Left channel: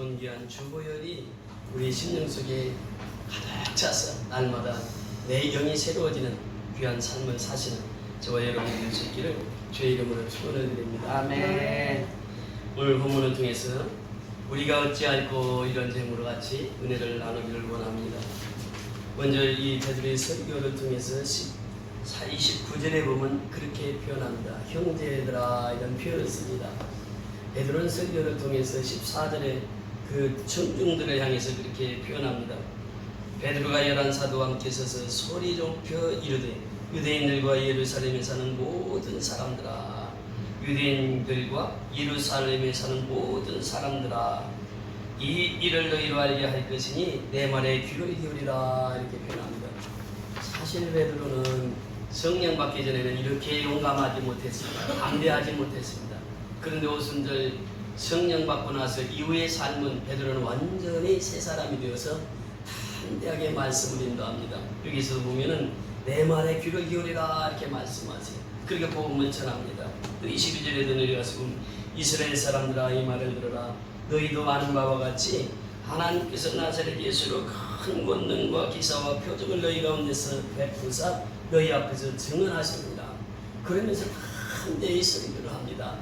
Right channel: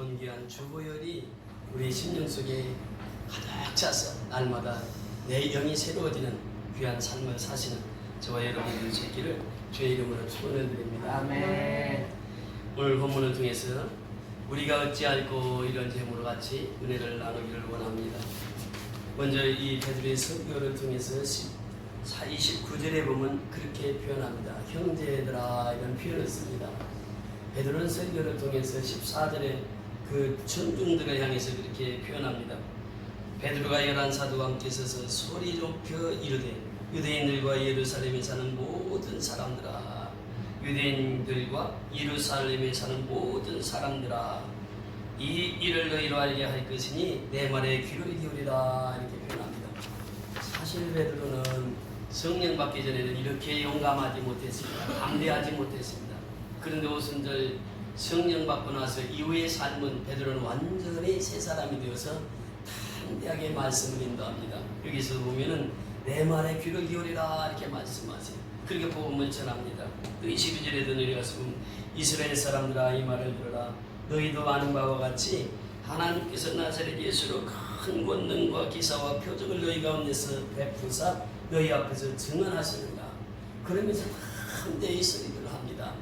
존귀한 주보혈이 우리 심령 속에 가득 차서 날마다 내 영이 새로워지는 귀한 삶을 사시는 저와 여러분들 될 수 있기를 주의 이름으로 축원을 드립니다. 아멘. 오늘 본문을 통해서 우리가 어찌할꼬 이런 제물과 같이 은혜를 나누기를 원합니다. 먼저 이 베드로의 설교를 통해서 29절에 보면 그렇게 표현합니다. 형제들아, 이런 표현을 씁니다. 베드로는 설교를 통해서 14절에 그 청중들을 향해서 그렇게 표현합니다. 베드로가 11사도와 함께 서서 소리 높여 이르되 유대인들과 예루살렘에 사는 모든 사람들아, 유대인들과 예루살렘에 사는 모든 사람들아, 이 일을 너희로 알게 할 것이니 내 말에 귀를 기울이라, 이렇게 표현합니다. 사실 베드로는 성령 받기 전에는 이렇게 용감하지 못했습니다. 담대하지 못했습니다. 그런데 오순절 성령 받고 나서 이후의 삶은 베드로는 완전히 새 사람이 되어서 담대하게 말씀을 인도합니다. 여기서 보면은 내 말에 귀를 기울이라, 이렇게 말씀하세요. 그렇게 복음을 전합니다. 또 22절에도 내려가서 이스라엘 사람들아, 이 말을 들어라. 너희도 아는 바와 같이 하나님께서 나사렛 예수로 큰 권능과 기사와 표적을 너희 가운데서 베푸사 너희 앞에서 증언하십니다. 그러면서 담대히 설교를 합니다.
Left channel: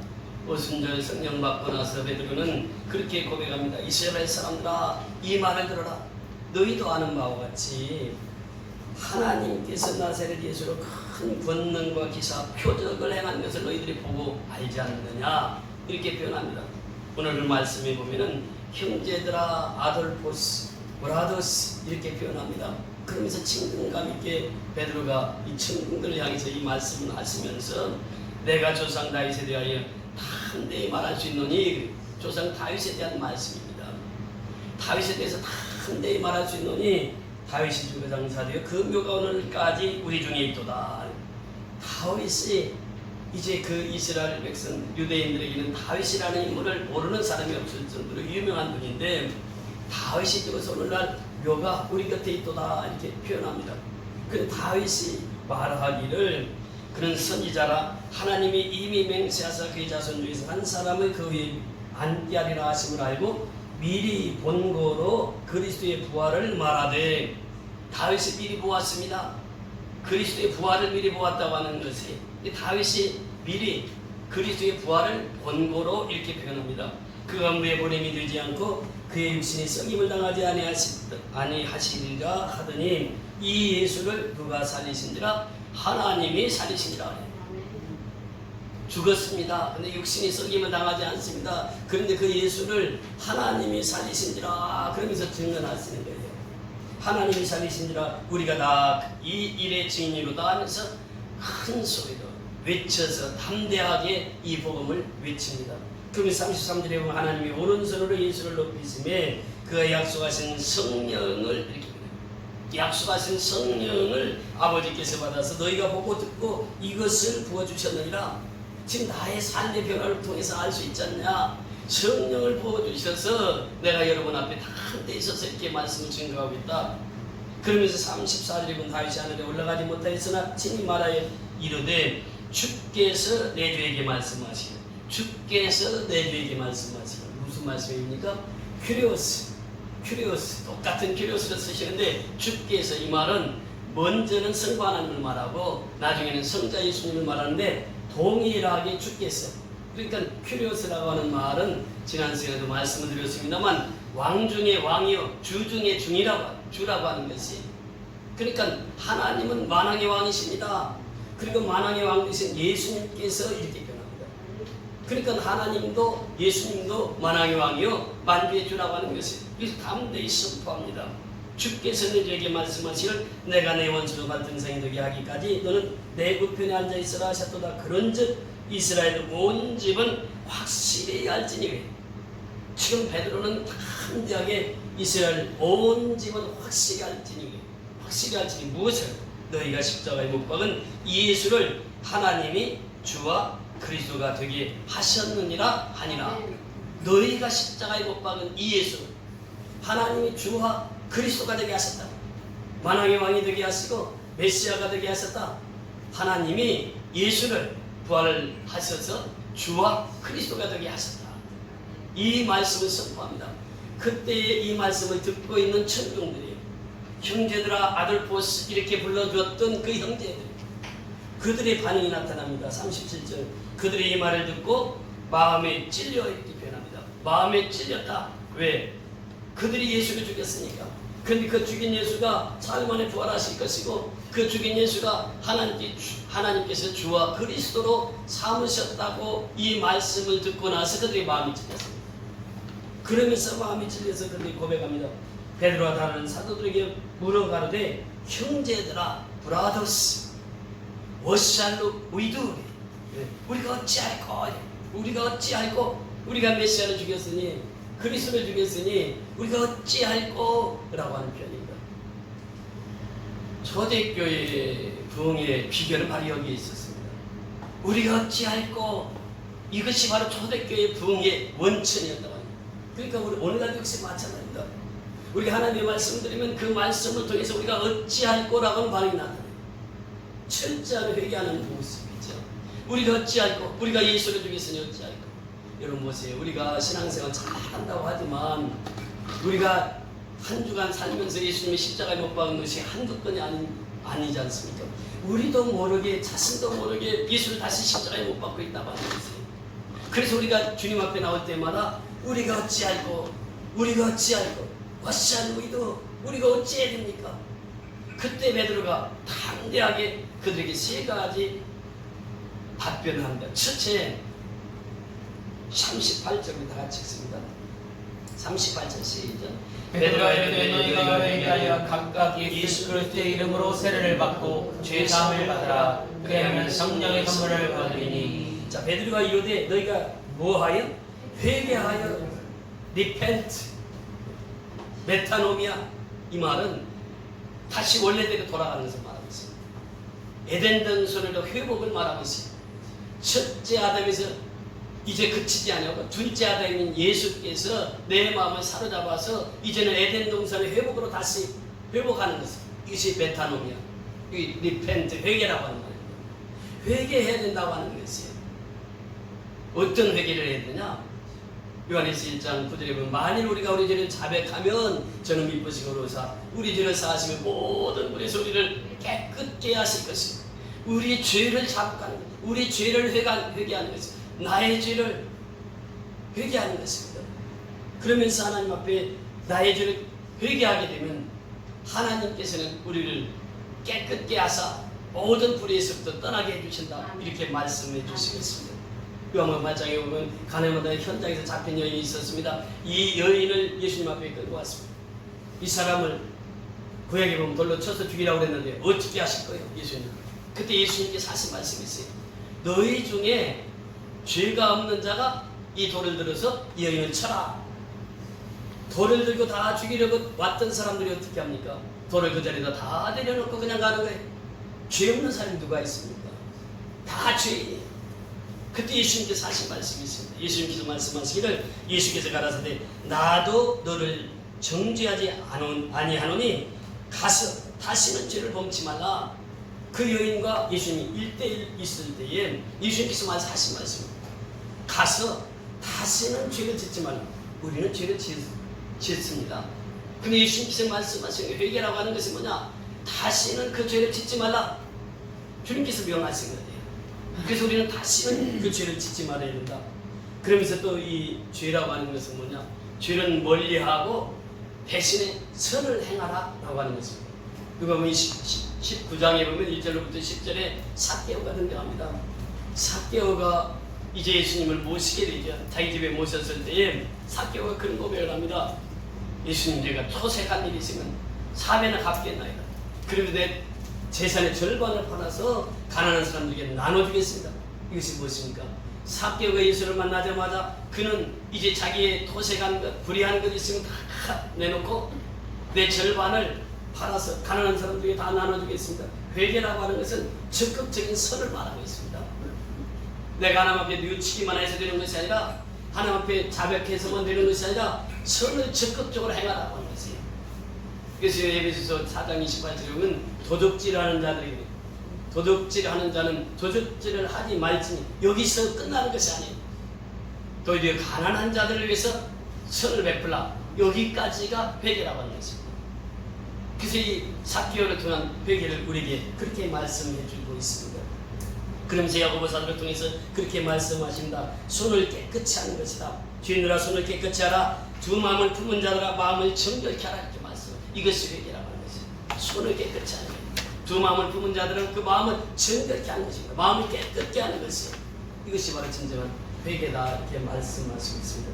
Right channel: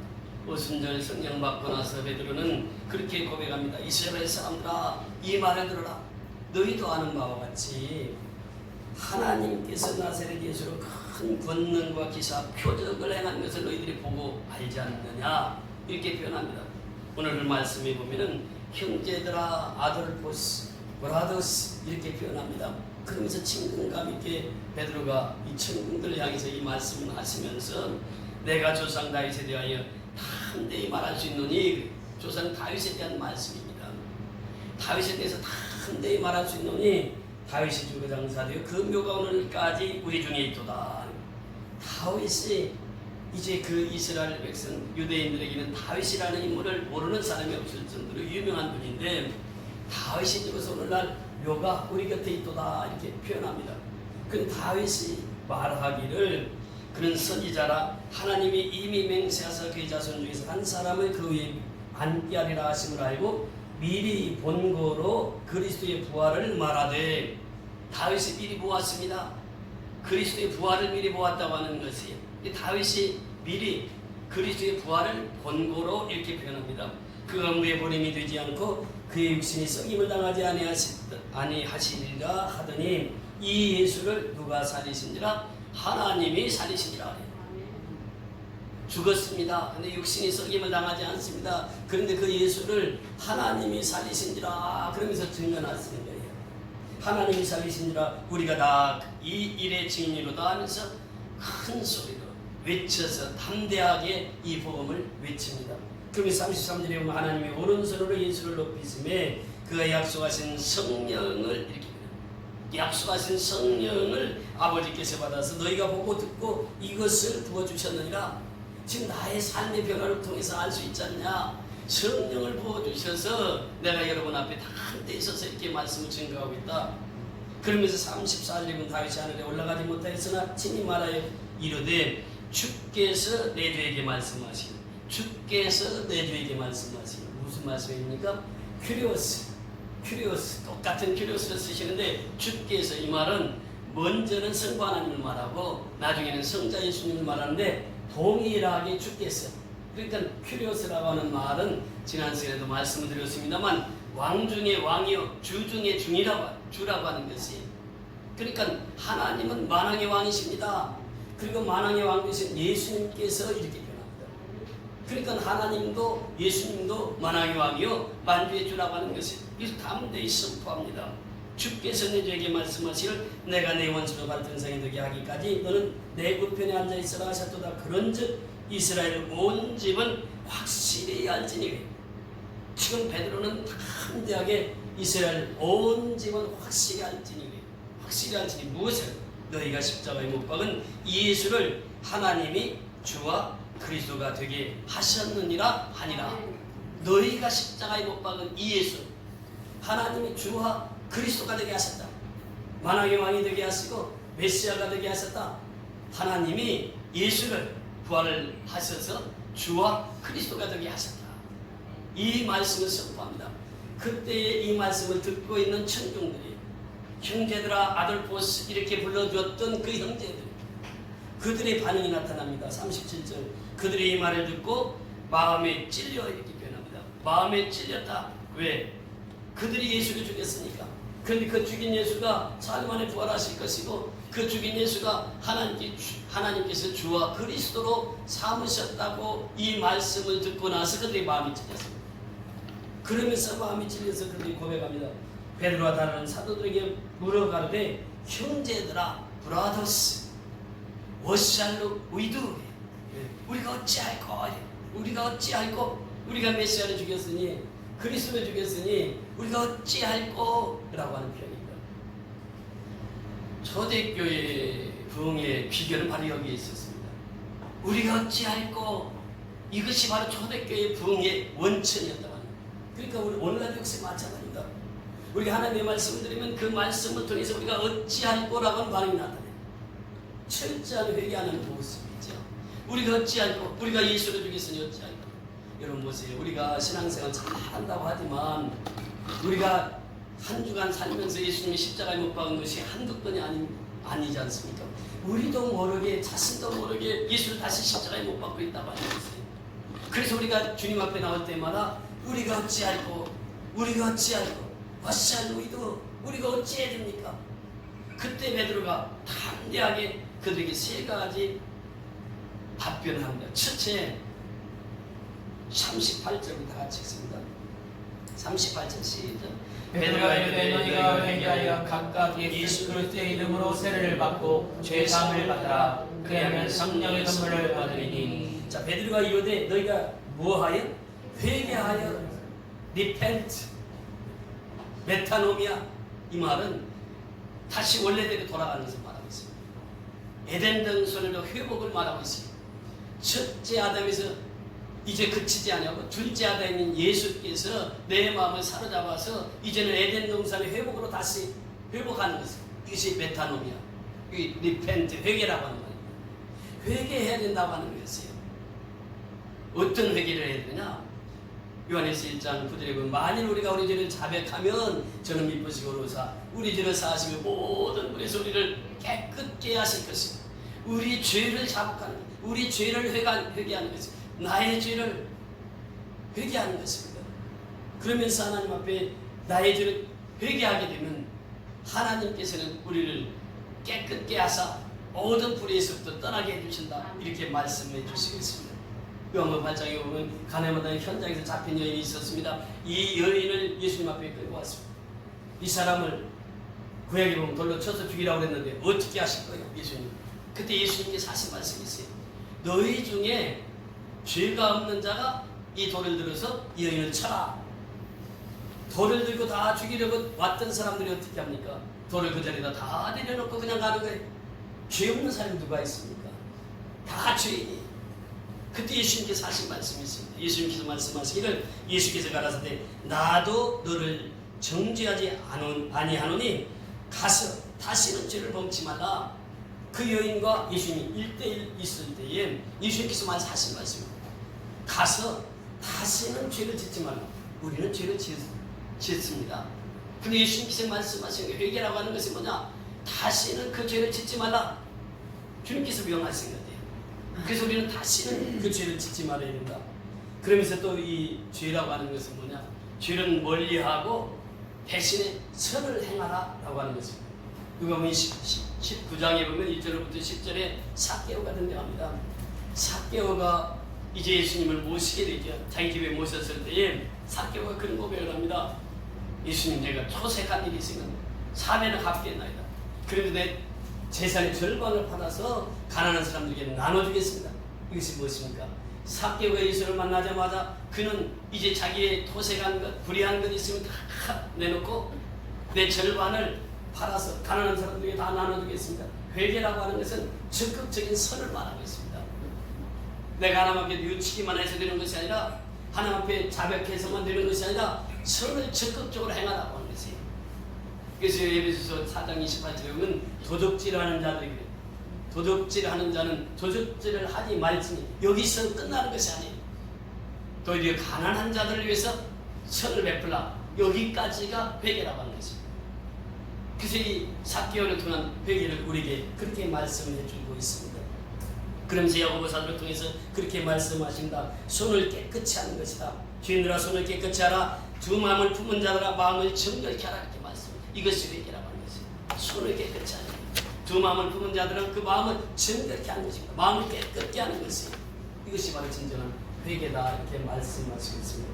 오순절 성령 받고 나서 베드로는 그렇게 고백합니다. 이스라엘 사람들아, 이 말을 들어라. 너희도 아는 바와 같이 하나님께서 나사렛 예수로 큰 권능과 기사 표적을 행한 것을 너희들이 보고 알지 않느냐, 이렇게 표현합니다. 오늘 말씀에 보면은 형제들아, 아돌포스, 브라더스, 이렇게 표현합니다. 그러면서 친근감 있게 베드로가 이 친구들을 향해서 이 말씀을 하시면서 내가 조상 다윗에 대하여 담대히 말할 수 있노니, 조상 다윗에 대한 말씀입니다. 다윗에 대해서 담대히 말할 수 있노니 다윗이 주거장사되어 그 묘가 오늘까지 우리 중에 있도다. 다윗이 이제 그 이스라엘 백성 유대인들에게는 다윗이라는 인물을 모르는 사람이 없을 정도로 유명한 분인데, 다윗이 죽어서 오늘날 묘가 우리 곁에 있도다, 이렇게 표현합니다. 근데 다윗이 말하기를 그는 선지자라 하나님이 이미 맹세하사 그의 자손 중에서 한 사람을 그 위에 앉게 하리라 하심을 알고 미리 본고로 그리스도의 부활을 말하되, 다윗이 미리 보았습니다. 그리스도의 부활을 미리 보았다고 하는 것이, 다윗이 미리 그리스도의 부활을 본고로 이렇게 표현합니다. 그 가운데 보냄이 되지 않고 그의 육신이 썩임을 당하지 아니하시리라 하더니 이 예수를 누가 살리신지라? 하나님이 살리신지라. 죽었습니다. 근데 육신이 썩임을 당하지 않습니다. 그런데 그 예수를 하나님이 살리신지라, 그러면서 증언하시는 거예요. 하나님이 살리신지라, 우리가 다 이 일의 증인이로다 하면서 큰 소리로 외쳐서 담대하게 이 복음을 외칩니다. 그러면서 33절에 보면 하나님이 오른손으로 예수를 높이심에 그가 약속하신 성령을 이렇게, 약속하신 성령을 아버지께서 받아서 너희가 보고 듣고 이것을 부어주셨느니라. 지금 나의 삶의 변화를 통해서 알 수 있지 않냐. 성령을 부어주셔서 내가 여러분 앞에 담대히 서서 이렇게 말씀을 증거하고 있다. 그러면서 34절에 보면 다윗이 하늘에 올라가지 못하였으나 친히 말하여 이르되 주께서 내 주에게 말씀하시고, 주께서 내 주에게 말씀하시고, 무슨 말씀입니까? 큐리오스, 똑같은 큐리오스를 쓰시는데, 주께서, 이 말은 먼저는 성부 하나님을 말하고 나중에는 성자 예수님을 말하는데 동일하게 주께서, 그러니까 큐리오스라고 하는 말은 지난 시간에도 말씀을 드렸습니다만 왕 중의 왕이요 주 중의 주라고 하는 것이, 그러니까 하나님은 만왕의 왕이십니다. 그리고 만왕의 왕 되신 예수님께서 이렇게 표현합니다. 그러니까 하나님도 예수님도 만왕의 왕이요 만주의 주라고 하는 것이, 그래서 담대히 선포합니다. 주께서 너에게 말씀하시길 내가 내 원수로 발등상이 되게 하기까지 너는 내 우편에 앉아있으라 하셨도다. 그런즉 이스라엘 온 집은 확실히 알지니. 지금 베드로는 담대하게 이스라엘 온 집은 확실히 알지니, 무엇을? 너희가 십자가에 못 박은 이 예수를 하나님이 주와 그리스도가 되게 하셨느니라 하니라. 너희가 십자가에 못 박은 이 예수, 하나님이 주와 그리스도가 되게 하셨다. 만왕의 왕이 되게 하시고 메시아가 되게 하셨다. 하나님이 예수를 부활을 하셔서 주와 그리스도가 되게 하셨다. 이 말씀을 선포합니다. 그때에 이 말씀을 듣고 있는 천중들이 형제들아 아들보스 이렇게 불러주었던 그 형제들 그들의 반응이 나타납니다. 37절 그들이 이 말을 듣고 마음에 찔려 이렇게 표현합니다. 마음에 찔렸다. 왜? 그들이 예수를 죽였으니까. 그런데 그 죽인 예수가 사흘 만에 부활하실 것이고 그 죽인 예수가 하나님께서 주와 그리스도로 삼으셨다고 이 말씀을 듣고 나서 그들의 마음이 찔렸습니다. 그러면서 마음이 찔려서 그들이 고백합니다. 베드로와 다른 사도들에게 물어가르되 형제들아 브라더스 what shall we do? 우리가 어찌할꼬? 우리가 메시아를 죽였으니 그리스도를 죽였으니 우리가 어찌할꼬? 라고 하는 표현입니다. 초대교회 부흥의 비결은 바로 여기에 있었습니다. 우리가 어찌할꼬? 이것이 바로 초대교회 부흥의 원천이었다고 합니다. 그러니까 우리 오늘날 역시 마찬가지입니다. 우리가 하나님의 말씀을 드리면 그 말씀을 통해서 우리가 어찌할꼬라고 하는 반응이 나타나요. 철저한 회개하는 모습이죠. 우리가 어찌할꼬? 우리가 예수를 죽였으니 어찌할꼬? 여러분 보세요. 우리가 신앙생활 잘한다고 하지만 우리가 한 주간 살면서 예수님의 십자가에 못 박은 것이 한두 건이 아니지 않습니까? 우리도 모르게 자신도 모르게 예수를 다시 십자가에 못 박고 있다고 하는 것이에요. 그래서 우리가 주님 앞에 나올 때마다 우리가 어찌할꼬? what shall we do? 우리가 어찌해야 됩니까? 그때 베드로가 담대하게 그들에게 세 가지 답변을 합니다. 첫째 38절을 다 같이 읽습니다. 38절 시작. 베드로가 이르되 너희가 회개하여 각각 예수 그리스도의 이름으로 세례를 받고 죄사함을 받으라. 그리하면 성령의 선물을 받으리니. 자, 베드로가 이르되 너희가 뭐하여? 회개하여 repent 메타노미아. 이 말은 다시 원래대로 돌아가는 것을 말하고 있습니다. 에덴 동산의 회복을 말하고 있습니다. 첫째 아담에서 이제 그치지 아니하고 둘째 아담인 예수께서 내 마음을 사로잡아서 이제는 에덴 동산의 회복으로 다시 회복하는 것입니다. 이것이 메타노미아, 이 리펜트, 회개라고 하는 말입니다. 회개해야 된다고 하는 것이에요. 어떤 회개를 해야 되냐? 요한일서 1장 9절에 보면 만일 우리가 우리 죄를 자백하면 저는 미쁘시고 의로사 우리 죄를 사하시며 모든 우리의 소리를 깨끗게 하실 것입니다. 우리의 죄를 자백하는 것, 우리 죄를 회개하는 것입니다. 나의 죄를 회개하는 것입니다. 그러면서 하나님 앞에 나의 죄를 회개하게 되면 하나님께서는 우리를 깨끗게 하사 모든 불의에서부터 떠나게 해주신다. 이렇게 말씀해 주시겠습니다. 요한복음 8장에 보면 가나마다 현장에서 잡힌 여인이 있었습니다. 이 여인을 예수님 앞에 끌고 왔습니다. 이 사람을 구약에 보면 돌로 쳐서 죽이라고 그랬는데 어떻게 하실 거예요? 예수님. 그때 예수님께서 하신 말씀이 있어요. 너희 중에 죄가 없는 자가 이 돌을 들어서 이 여인을 쳐라. 돌을 들고 다 죽이려고 왔던 사람들이 어떻게 합니까? 돌을 그 자리에다 다 내려놓고 그냥 가는 거예요. 죄 없는 사람이 누가 있습니까? 다 죄인이에요. 그때 예수님께서 하신 말씀이 있습니다. 예수님께서 말씀하시기를 예수께서 가라사대 나도 너를 정죄하지 아니하노니 가서 다시는 죄를 범치 말라. 그 여인과 예수님이 1대1 있을 때에 예수님께서 하신 말씀입니다. 가서 다시는 죄를 짓지 말라. 우리는 죄를 짓습니다. 근데 예수님께서 말씀하신 회개라고 하는 것이 뭐냐? 다시는 그 죄를 짓지 말라. 주님께서 명하신 거예요. 그래서 우리는 다시는 그 죄를 짓지 말아야 된다. 그러면서 또 이 죄라고 하는 것은 뭐냐? 죄는 멀리하고 대신에 선을 행하라 라고 하는 것입니다. 그거 보면 19장에 보면 1절부터 10절에 삭개오가 등장합니다. 삭개오가 이제 예수님을 모시게 되죠. 자기 집에 모셨을 때에 삭개오가 그런 고백을 합니다. 예수님, 제가 토색한 일이 있으면 4배나 갚겠나이다. 그리고 내 재산의 절반을 팔아서 가난한 사람들에게 나눠주겠습니다. 이것이 무엇입니까? 삭개오가 예수를 만나자마자 그는 이제 자기의 토색한 것, 불의한 것 있으면 다 내놓고 내 절반을 팔아서 가난한 사람들에게 다 나눠주겠습니다. 회개라고 하는 것은 적극적인 선을 말하고 있습니다. 내가 하나님 앞에 뉘우치기만 해서 되는 것이 아니라 하나님 앞에 자백해서만 되는 것이 아니라 선을 적극적으로 행하라고 하는 것이에요. 그래서 에베소서 4장 28절에 보면 도둑질하는 자들이 그래요. 도둑질하는 자는 도둑질을 하지 말지니 여기서 끝나는 것이 아니에요. 또 이제 가난한 자들을 위해서 선을 베풀라. 여기까지가 회개라고 하는 것입니다. 그래서 이 삭개오를 통한 회개를 우리에게 그렇게 말씀해 주고 있습니다. 그러면서 야고보 사도를 통해서 그렇게 말씀하신다. 손을 깨끗이 하는 것이다. 죄인들아 손을 깨끗이 하라. 두 마음을 품은 자들아 마음을 정결케 하라. 이렇게 말씀. 이것이 회개라고 하는 것입니다. 손을 깨끗이 하는 것. 두 마음을 품은 자들은 그 마음을 정결케 하는 것입니다. 마음을 깨끗게 하는 것이에요. 이것이 바로 진정한 회개다. 이렇게 말씀하시고 있습니다.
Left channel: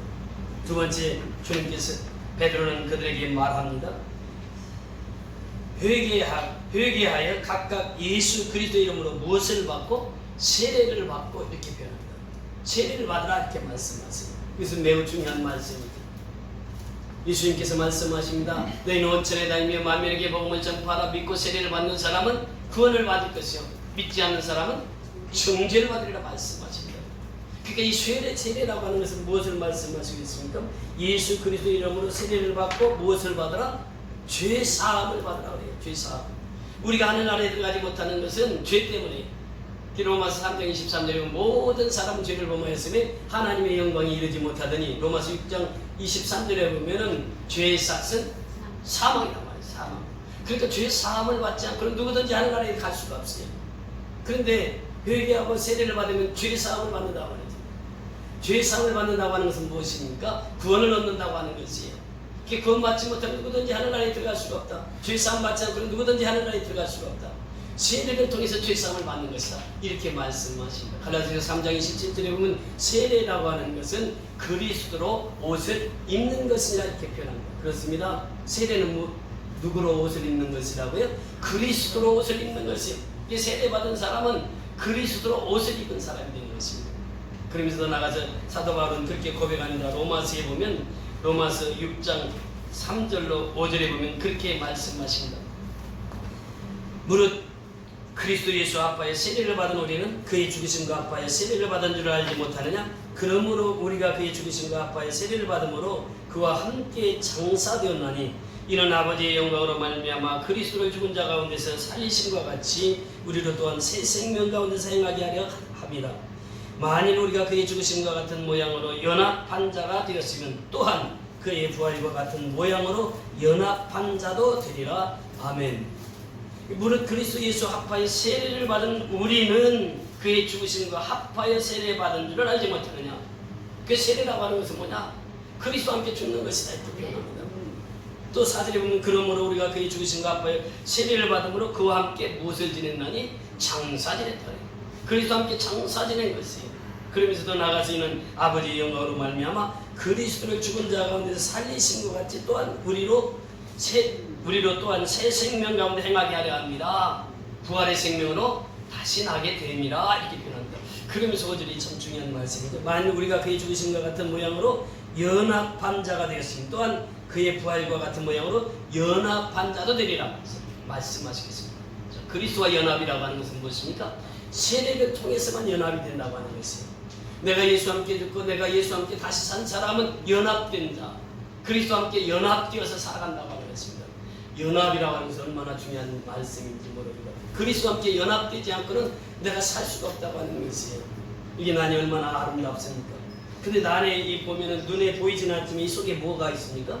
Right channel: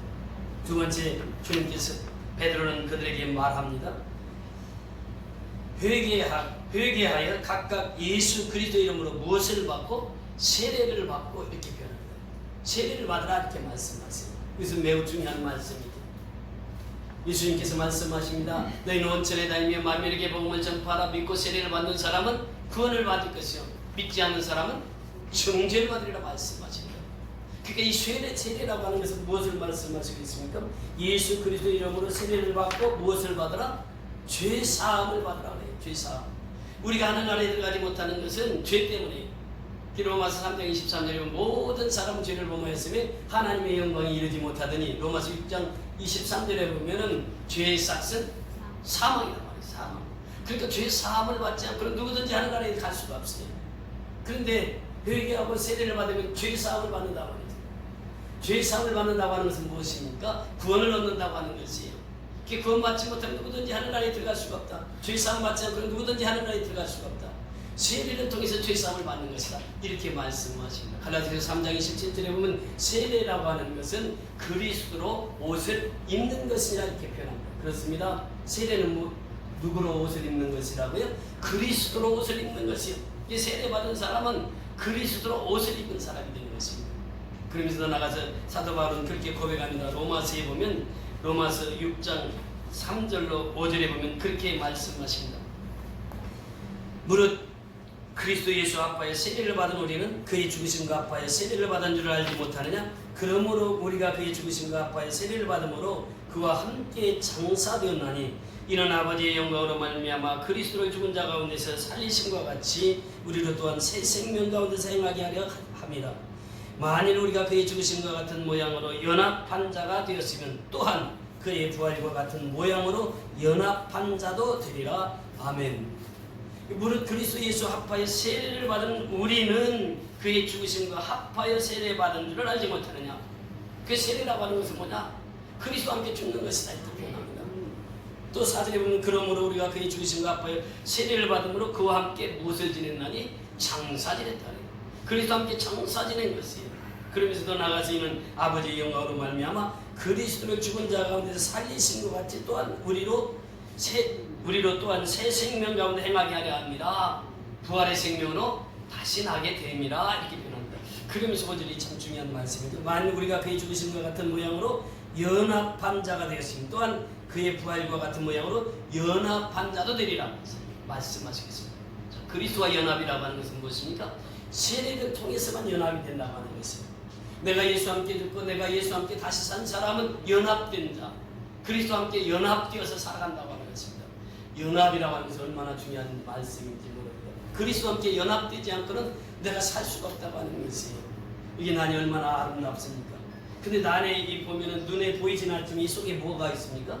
두 번째, 주님께서 베드로는 그들에게 말합니다. 회개하여 각각 예수 그리스도 이름으로 무엇을 받고 세례를 받고 이렇게 표현합니다. 세례를 받으라 이렇게 말씀하세요. 이것은 매우 중요한 말씀입니다. 예수님께서 말씀하십니다. 너희는 온천에 다니며 만민에게 복음을 전파하라. 믿고 세례를 받는 사람은 구원을 받을 것이요 믿지 않는 사람은 정죄를 받으리라 말씀하십니다. 그러니까 이 세례라고 하는 것은 무엇을 말씀하시고 있습니까? 예수 그리스도 이름으로 세례를 받고 무엇을 받으라? 죄 사함을 받으라 그래요. 죄 사함. 우리가 하늘나라에 들어가지 못하는 것은 죄 때문에. 로마서 3장 23절에 보면 모든 사람은 죄를 범하였으며 하나님의 영광이 이르지 못하더니, 로마서 6장 23절에 보면은 죄의 삭은 사망이란 말이에요. 사망. 그러니까 죄 사함을 받지 않고 누구든지 하늘나라에 갈 수가 없어요. 그런데 회개하고 세례를 받으면 죄 사함을 받는다고 하죠. 죄 사함을 받는다고 하는 것은 무엇입니까? 구원을 얻는다고 하는 것이에요. 구원 받지 못하면 누구든지 하늘나라에 들어갈 수가 없다. 죄 사함 받지 않고 누구든지 하늘나라에 들어갈 수가 없다. 세례를 통해서 죄 사함을 받는 것이다. 이렇게 말씀하십니다. 갈라디아서 3장 27절에 보면 세례라고 하는 것은 그리스도로 옷을 입는 것이라 이렇게 표현합니다. 그렇습니다. 세례는 누구로 옷을 입는 것이라고요? 그리스도로 옷을 입는 것이요. 이 세례 받은 사람은 그리스도로 옷을 입은 사람이 되는 것입니다. 그러면서 더 나가서 사도 바울은 그렇게 고백합니다. 로마서에 보면 로마서 6장 3절로 5절에 보면 그렇게 말씀하십니다. 무릇 그리스도 예수 아파에 세례를 받은 우리는 그의 죽으심과 아파에 세례를 받은 줄 알지 못하느냐? 그러므로 우리가 그의 죽으심과 아파에 세례를 받음으로 그와 함께 장사되었나니 이는 아버지의 영광으로 말미암아 그리스도를 죽은 자 가운데서 살리심과 같이 우리로 또한 새 생명 가운데서 행하게 하려 함이라. 만일 우리가 그의 죽으심과 같은 모양으로 연합한 자가 되었으면 또한 그의 부활과 같은 모양으로 연합한 자도 되리라. 아멘. 무릇 그리스도 예수 합하여 세례를 받은 우리는 그의 죽으심과 합하여 세례 받은 줄을 알지 못하느냐? 그 세례라고 하는 것은 뭐냐? 그리스도와 함께 죽는 것이다 이렇게 표현합니다. 또 4절에 보면 그러므로 우리가 그의 죽으심과 합하여 세례를 받음으로 그와 함께 무엇을 지냈나니? 장사 지냈다. 그리스도와 함께 장사 지낸 것이에요. 그러면서 더 나아가서 이는 아버지의 영광으로 말미암아 그리스도를 죽은 자 가운데서 살리신 것 같이 또한 우리로 또한 새 생명 가운데 행하게 하려 합니다. 부활의 생명으로 다시 나게 됩니다. 이렇게 표현합니다. 그러면서 5절이 참 중요한 말씀이죠. 만일 우리가 그의 죽으심과 같은 모양으로 연합한 자가 되었으면 또한 그의 부활과 같은 모양으로 연합한 자도 되리라 말씀하시겠습니다. 그리스도와 연합이라고 하는 것은 무엇입니까? 세례를 통해서만 연합이 된다고 하는 것이에요. 내가 예수와 함께 죽고 내가 예수와 함께 다시 산 사람은 연합된다. 그리스도와 함께 연합되어서 살아간다고 하는 것입니다. 연합이라고 하는 것은 얼마나 중요한 말씀인지 모릅니다. 그리스도와 함께 연합되지 않고는 내가 살 수가 없다고 하는 것이에요. 이게 난이 얼마나 아름답습니까? 근데 난에 이 보면은 눈에 보이진 않지만 이 속에 뭐가 있습니까?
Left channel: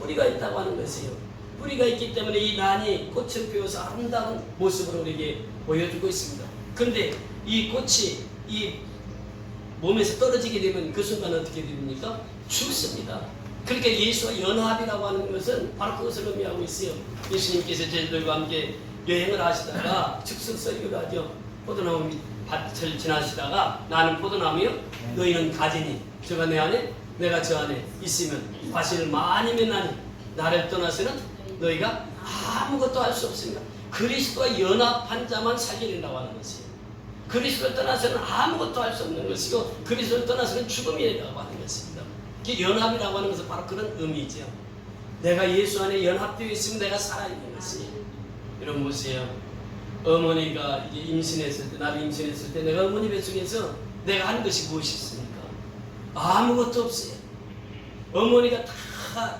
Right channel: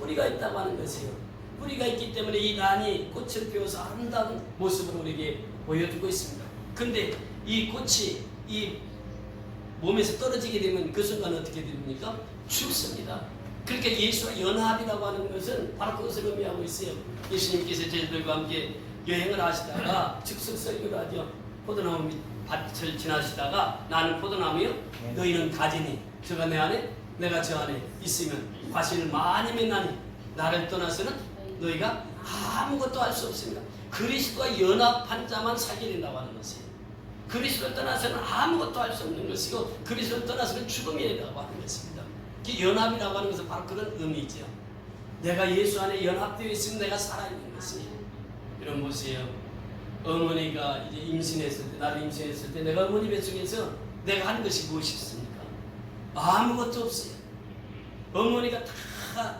뿌리가 있다고 하는 것이에요. 뿌리가 있기 때문에 이 난이 꽃을 피워서 아름다운 모습으로 우리에게 보여주고 있습니다. 근데 이 꽃이 이 몸에서 떨어지게 되면 그 순간 어떻게 됩니까? 죽습니다. 그러니까 예수와 연합이라고 하는 것은 바로 그것을 의미하고 있어요. 예수님께서 제자들과 함께 여행을 하시다가 즉석설교를 하죠. 포도나무 밭을 지나시다가 나는 포도나무요 너희는 가지니 저가 내 안에 내가 저 안에 있으면 과실을 많이 맺나니 나를 떠나서는 너희가 아무것도 할 수 없습니다. 그리스도와 연합한 자만 살게 된다고 하는 것이에요. 그리스도를 떠나서는 아무것도 할 수 없는 것이고 그리스도를 떠나서는 죽음이라고 하는 것입니다. 연합이라고 하는 것은 바로 그런 의미죠. 내가 예수 안에 연합되어 있으면 내가 살아있는 것이에요. 여러분 보세요. 어머니가 이제 임신했을 때, 나를 임신했을 때 내가 어머니 뱃속에서 내가 한 것이 무엇이 있습니까? 아무것도 없어요. 어머니가 다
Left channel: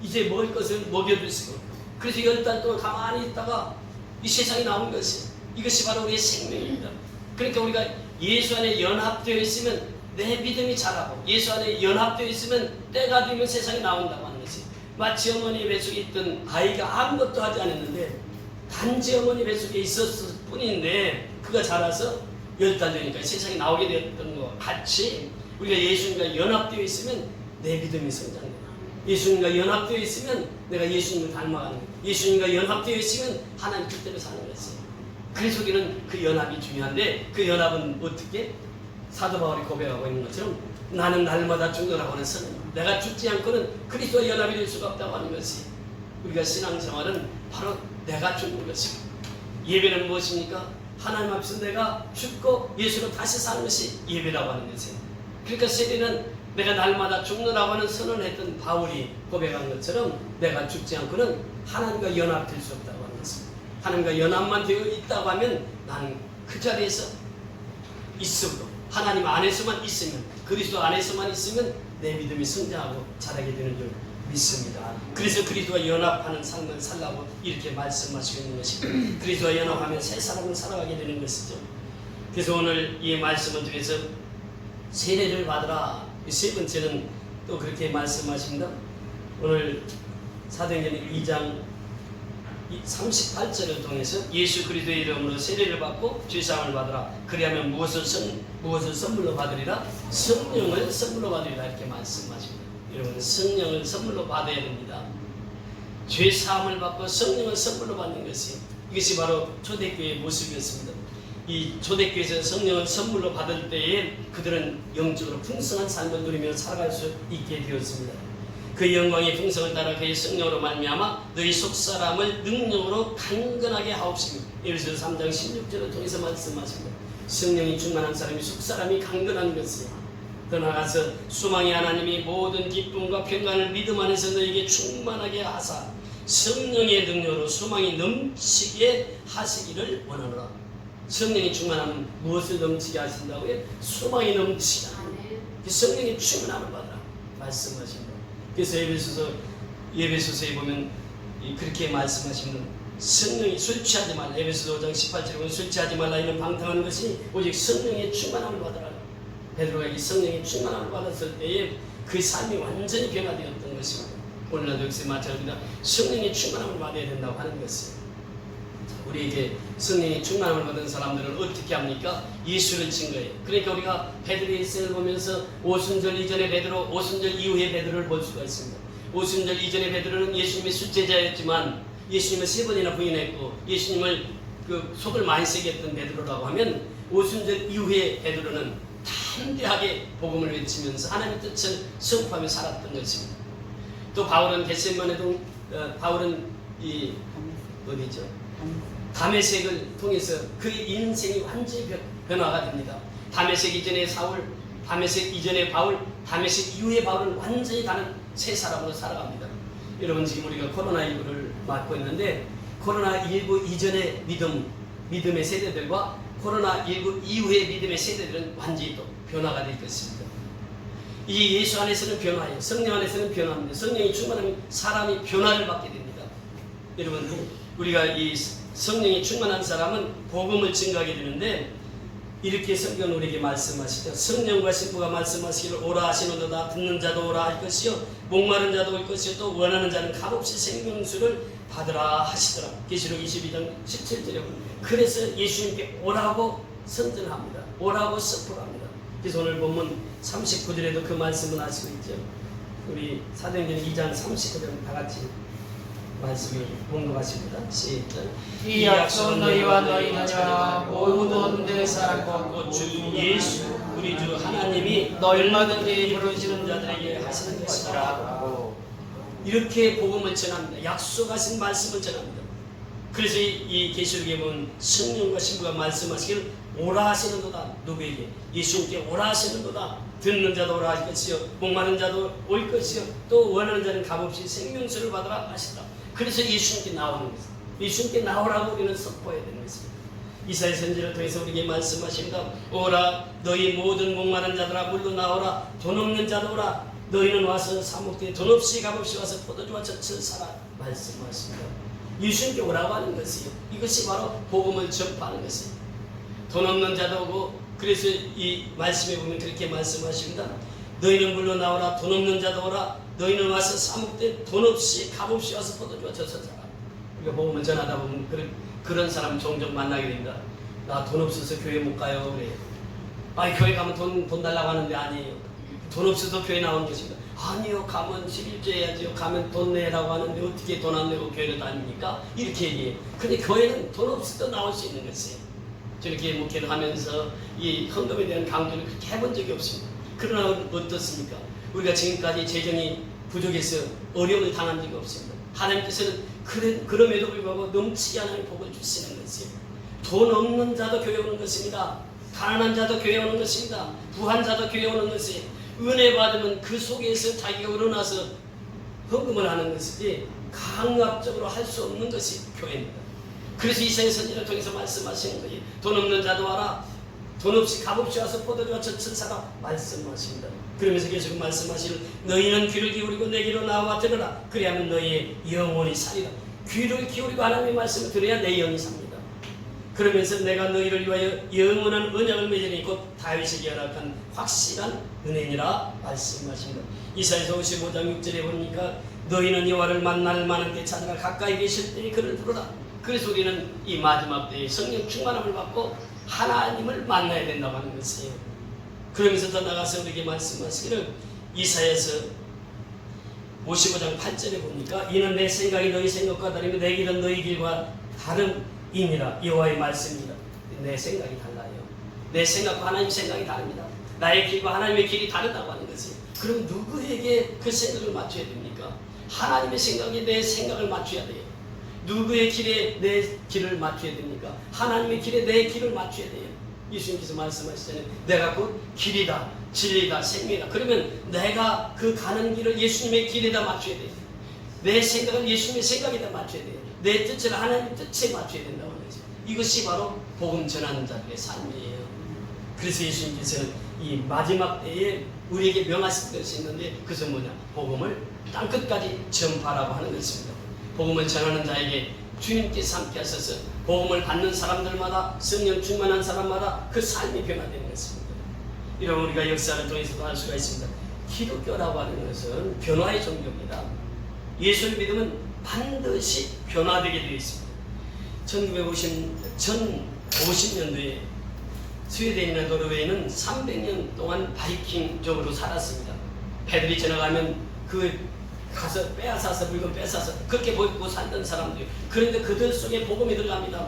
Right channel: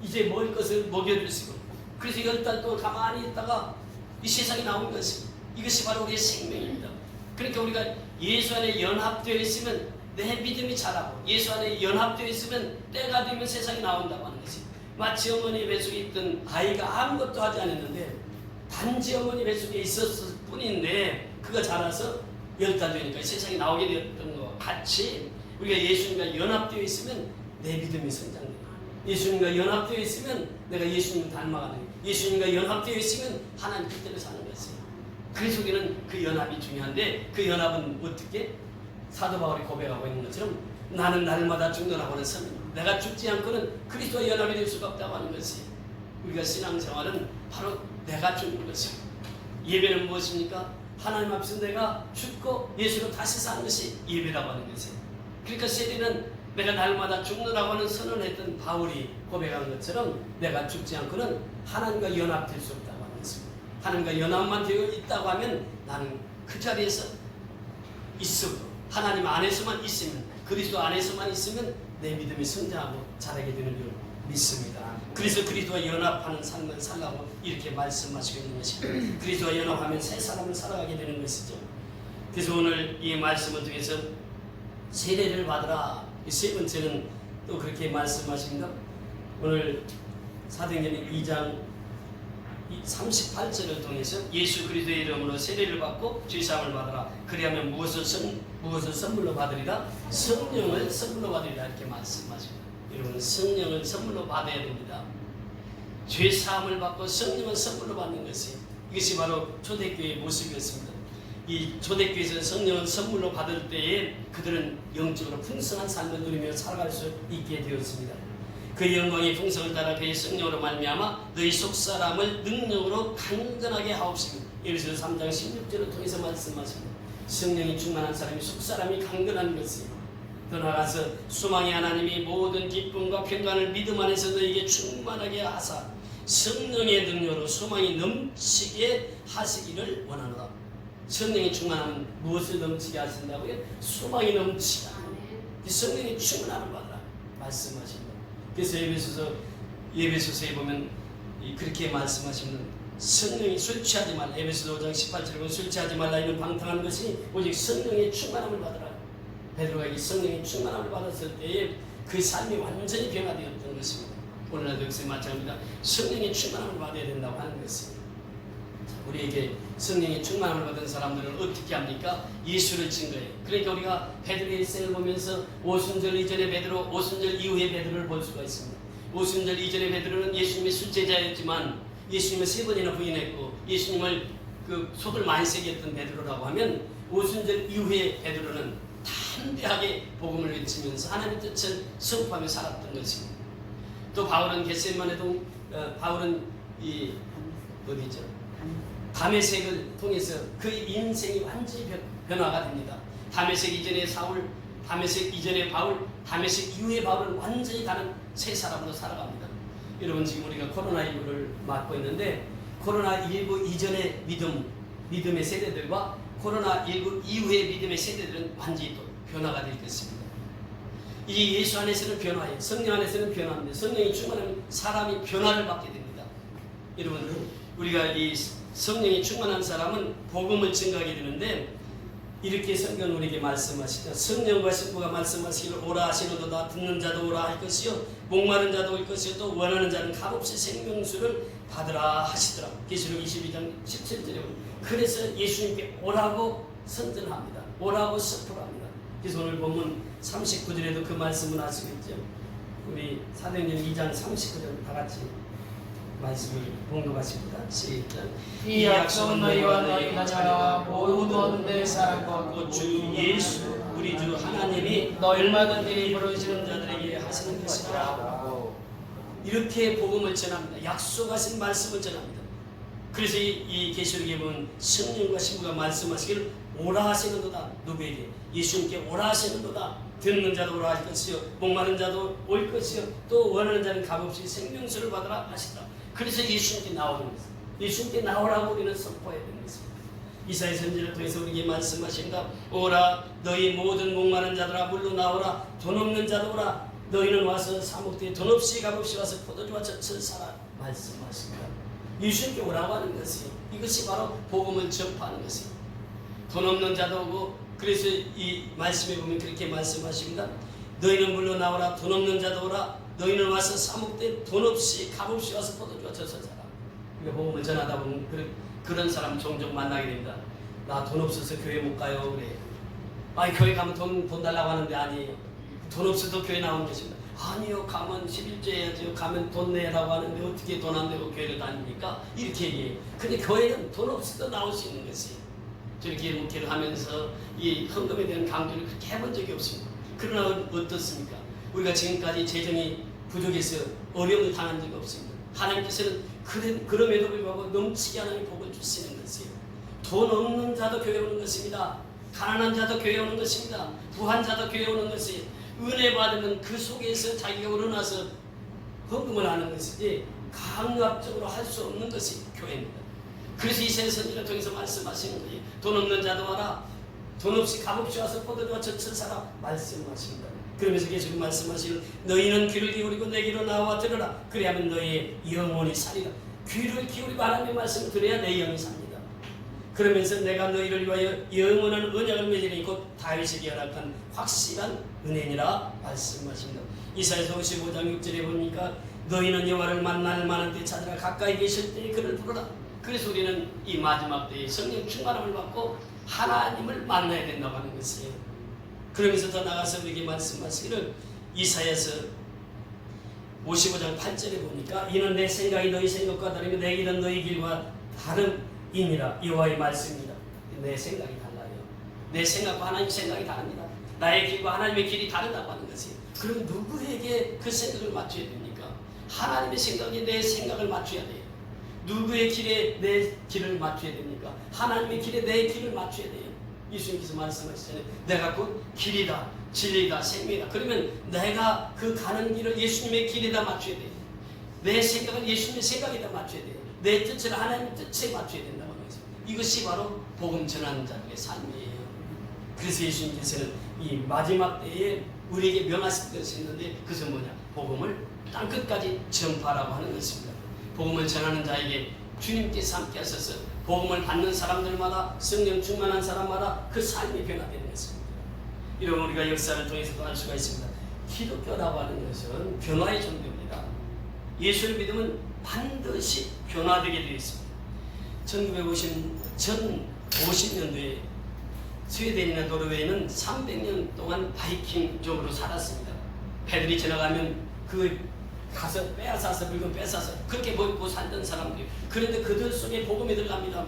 이제 먹을 것을 먹여주시고 그래서 10달 동안 가만히 있다가 이 세상에 나온 것이 이것이 바로 우리의 생명입니다. 그러니까 우리가 예수 안에 연합되어 있으면 내 믿음이 자라고 예수 안에 연합되어 있으면 때가 되면 세상에 나온다고 하는 것이, 마치 어머니 뱃속에 있던 아이가 아무것도 하지 않았는데 단지 어머니 뱃속에 있었을 뿐인데 그가 자라서 10달 되니까 세상에 나오게 되었던 것과 같이 우리가 예수님과 연합되어 있으면 내 믿음이 성장돼요. 예수님과 연합되어 있으면 내가 예수님을 닮아가는 거예요. 예수님과 연합되어 있으면 하나님 뜻대로 사는 것이에요. 그래서 우리는 그 연합이 중요한데, 그 연합은 어떻게? 사도 바울이 고백하고 있는 것처럼 나는 날마다 죽노라고 하는 선언, 내가 죽지 않고는 그리스도와 연합이 될 수가 없다고 하는 것이, 우리가 신앙생활은 바로 내가 죽는 것이고, 예배는 무엇입니까? 하나님 앞에서 내가 죽고 예수로 다시 사는 것이 예배라고 하는 것이에요. 그러니까 세례는 내가 날마다 죽노라고 하는 선언을 했던 바울이 고백한 것처럼 내가 죽지 않고는 하나님과 연합될 수 없다고 하는 것입니다. 하나님과 연합만 되어 있다고 하면 나는 그 자리에서 있어도, 하나님 안에서만 있으면, 그리스도 안에서만 있으면 내 믿음이 성장하고 자라게 되는 줄 믿습니다. 그래서 그리스도와 연합하는 삶을 살라고 이렇게 말씀하시고 있는 것이고, 그리스도와 연합하면 새 사람을 살아가게 되는 것이죠. 그래서 오늘 이 말씀을 통해서 세례를 받으라, 세 번째는 또 그렇게 말씀하십니다. 오늘 사도행전 2장 38절을 통해서 예수 그리스도의 이름으로 세례를 받고 죄사함을 받으라. 그리하면 무엇을 선물로 받으리라? 성령을 선물로 받으리라, 이렇게 말씀하십니다. 여러분, 성령을 선물로 받아야 됩니다. 죄사함을 받고 성령을 선물로 받는 것이, 이것이 바로 초대교회의 모습이었습니다. 이 초대교회에서 성령을 선물로 받을 때에 그들은 영적으로 풍성한 삶을 누리며 살아갈 수 있게 되었습니다. 그 영광의 풍성을 따라 그의 성령으로 말미암아 너희 속사람을 능력으로 강건하게 하옵시며, 에베소서 3장 16절을 통해서 말씀하십니다. 성령이 충만한 사람이 속사람이 강건한 것이에요. 더 나아가서 소망의 하나님이 모든 기쁨과 평강을 믿음 안에서 너희에게 충만하게 하사 성령의 능력으로 소망이 넘치게 하시기를 원하노라. 성령이 충만하면 무엇을 넘치게 하신다고요? 소망이 넘치게 하는 거예요. 성령이 충만함을 받으라 말씀하십니다. 그래서 예배소서에 보면 그렇게 말씀하시는, 성령이 술 취하지 말라, 에베소서 5장 18절에 보면 술 취하지 말라, 이는 방탕한 것이 오직 성령의 충만함을 받으라. 베드로가 이 성령의 충만함을 받았을 때에 그 삶이 완전히 변화되었던 것입니다. 오늘날도 역시 마찬가지입니다. 성령의 충만함을 받아야 된다고 하는 것이에요. 우리에게 성령의 충만함을 받은 사람들은 어떻게 합니까? 예수를 증거해요. 그러니까 우리가 베드로의 일생을 보면서 오순절 이전의 베드로, 오순절 이후의 베드로를 볼 수가 있습니다. 오순절 이전의 베드로는 예수님의 술제자였지만 예수님을 3번이나 부인했고 예수님을 속을 많이 새겼던 베드로라고 하면, 오순절 이후의 베드로는 담대하게 복음을 외치면서 하나님의 뜻을 선포하며 살았던 것입니다. 또 바울은 겟세마네도 바울은 다메섹을 통해서 그의 인생이 완전히 변화가 됩니다. 다메섹 이전의 사울, 다메섹 이전의 바울, 다메섹 이후의 바울은 완전히 다른 새 사람으로 살아갑니다. 여러분, 지금 우리가 코로나19를 맞고 있는데 코로나19 이전의 믿음의 세대들과 코로나19 이후의 믿음의 세대들은 완전히 또 변화가 될 것입니다. 이 예수 안에서는 변화예요. 성령 안에서는 변화입니다. 성령이 충만하면 사람이 변화를 받게 됩니다. 여러분, 우리가 이 성령이 충만한 사람은 복음을 증거하게 되는데, 이렇게 성경은 우리에게 말씀하시죠. 성령과 신부가 말씀하시기를 오라 하시노도다. 듣는 자도 오라 할 것이요 목마른 자도 올 것이요 또 원하는 자는 값없이 생명수를 받으라 하시더라. 계시록 22장 17절에 보면, 그래서 예수님께 오라고 선전합니다. 오라고 선포합니다. 그래서 오늘 본문 39절에도 그 말씀을 하시고 있죠. 우리 사도행전 2장 39절 다 같이 말씀을 공급하십니다. 시작. 이 약속은 너희와 너희 자녀와 모든 데살 곧 주 예수 우리 주 하나님이 얼마든지 부르시는 자들에게 하시는 것이라. 하시라고. 이렇게 복음을 전합니다. 약속하신 말씀을 전합니다. 그래서 이 계시록에 보면 성령과 신부가 말씀하시기를 오라 하시는도다. 누구에게? 예수님께 오라 하시는도다. 듣는 자도 오라 할 것이요 목마른 자도 올 것이요 또 원하는 자는 값없이 생명수를 받으라 하시다. 그래서 예수님께 나오는 것입니다. 예수님께 나오라고 우리는 선포해야 되는 것입니다. 이사야 선지를 통해서 우리에게 말씀하십니다. 오라 너희 모든 목마른 자들아 물로 나오라. 돈 없는 자도 오라. 너희는 와서 사목대에 돈 없이 값없이 와서 포도주와 젖을 사라 말씀하십니다. 예수님께 오라고 하는 것이요, 이것이 바로 복음을 전파하는 것이에요. 돈 없는 자도 오고 그래서 이 말씀에 보면 그렇게 말씀하십니다. 너희는 물러나오라. 돈 없는 자도 오라. 너희는 와서 사목때 돈 없이 값없이 와서 포도주와 젖어 살아. 우리가 복음을 전하다 보면 그런 사람 종종 만나게 됩니다. 나 돈 없어서 교회 못 가요. 그래요. 아니 교회 가면 돈 달라고 하는데 아니에요. 돈 없어도 교회 나오는 것입니다. 아니요, 가면 11조 해야죠. 가면 돈 내라고 하는데 어떻게 돈 안 내고 교회를 다닙니까? 이렇게 얘기해요. 근데 교회는 돈 없어도 나올 수 있는 것이에요. 저렇게 목회를 하면서 이 헌금에 대한 강조를 그렇게 해본 적이 없습니다. 그러나 어떻습니까? 우리가 지금까지 재정이 부족해서 어려움을 당한 적이 없습니다. 하나님께서는 그럼에도 불구하고 넘치게 하나님 복을 주시는 것이에요. 돈 없는 자도 교회 오는 것입니다. 가난한 자도 교회 오는 것입니다. 부한 자도 교회 오는 것이에요. 은혜 받으면 그 속에서 자기가 우러나서 헌금을 하는 것이지 강압적으로 할 수 없는 것이 교회입니다. 그래서 이사야 선지자를 통해서 말씀하시는 거예요. 돈 없는 자도 와라. 돈 없이 값없이 와서 포도주와 젖을 사라 말씀하십니다. 그러면서 계속 말씀하시는 너희는 귀를 기울이고 내게로 나와 들으라. 그래야만 너희의 영혼이 살리라. 귀를 기울이고 하나님의 말씀을 들어야 내 영이 삽니다. 그러면서 내가 너희를 위하여 영원한 언약을 맺으니 곧 다윗에게 허락한 확실한 은혜니라 말씀하십니다. 이사야서 55장 6절에 보니까 너희는 여호와를 만날 만한 때 찾아가 가까이 계실 때에 그를 부르라. 그래서 우리는 이 마지막 때에 성령 충만함을 받고 하나님을 만나야 된다고 하는 것이에요. 그러면서 더 나가서 우리에게 말씀하시기를 이사야서 55장 8절에 보니까 이는 내 생각이 너희 생각과 다르며 내 길은 너희 길과 다름이니라. 여호와의 말씀입니다. 내 생각이 달라요. 내 생각과 하나님의 생각이 다릅니다. 나의 길과 하나님의 길이 다르다고 하는 것이에요. 그럼 누구에게 그 생각을 맞춰야 됩니까? 하나님의 생각에 내 생각을 맞춰야 돼요. 누구의 길에 내 길을 맞춰야 됩니까? 하나님의 길에 내 길을 맞춰야 돼요. 예수님께서 말씀하시잖아요. 내가 곧 길이다, 진리다, 생명이다. 그러면 내가 그 가는 길을 예수님의 길에다 맞춰야 돼요. 내 생각을 예수님의 생각에다 맞춰야 돼요. 내 뜻을 하나님의 뜻에 맞춰야 된다고 하는 거죠. 이것이 바로 복음 전하는 자들의 삶이에요. 그래서 예수님께서는 이 마지막 때에 우리에게 명하신 것이 있는데 그것은 뭐냐? 복음을 땅끝까지 전파라고 하는 것입니다. 복음을 전하는 자에게 주님께서 함께 하셔서 복음을 받는 사람들마다 성령 충만한 사람마다 그 삶이 변화되는 것입니다. 이런 우리가 역사를 통해서도 알 수가 있습니다. 기독교라고 하는 것은 변화의 종교입니다. 예수를 믿으면 반드시 변화되게 되어 있습니다. 1950년도에 스웨덴이나 노르웨이는 300년 동안 바이킹족으로 살았습니다. 배들이 지나가면 가서 빼앗아서 물건 뺏어서 그렇게 보이고 살던 사람들이 그런데 그들 속에 복음이 들어갑니다.